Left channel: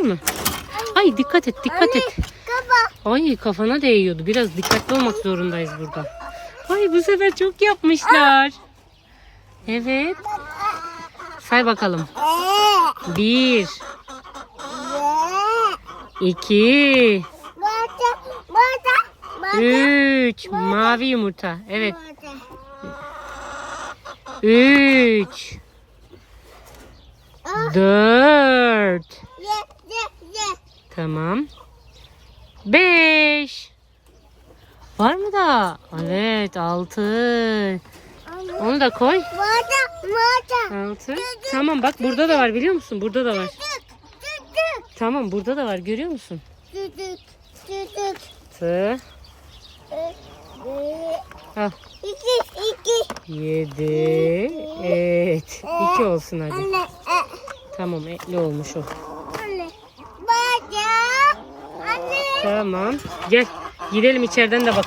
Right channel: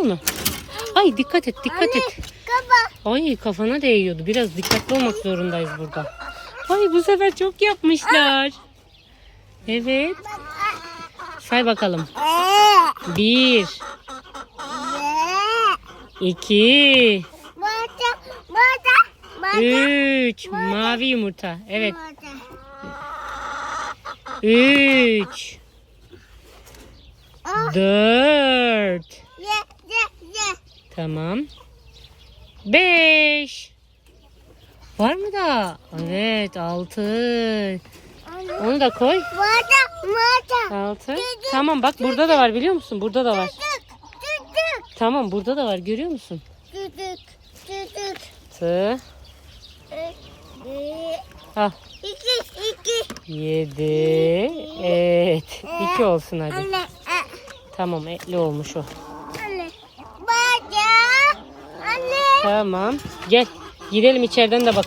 mı? Ay dikkat et, dikkat Anne, et. kafa. Ay kafana değiyordu. Biraz dikkatli olmak zorundayız burada. Ay bu sefer çok yapmışlar. Evet. Say bakalım. 1 2 3 Mavi yumurta. Evet. 3 4 Tamam. 5 Var mı da? Evet 6 Onu da koy. 6 Tamam bak burada da var biliyor musun? Burada da var. Tamam burada da var görüyor musun? Tı. Al. 7 Evet. 2 olsun hadi. Tamam etli olmuş o. Tamam. Gel gidelim içeriden de bakalım.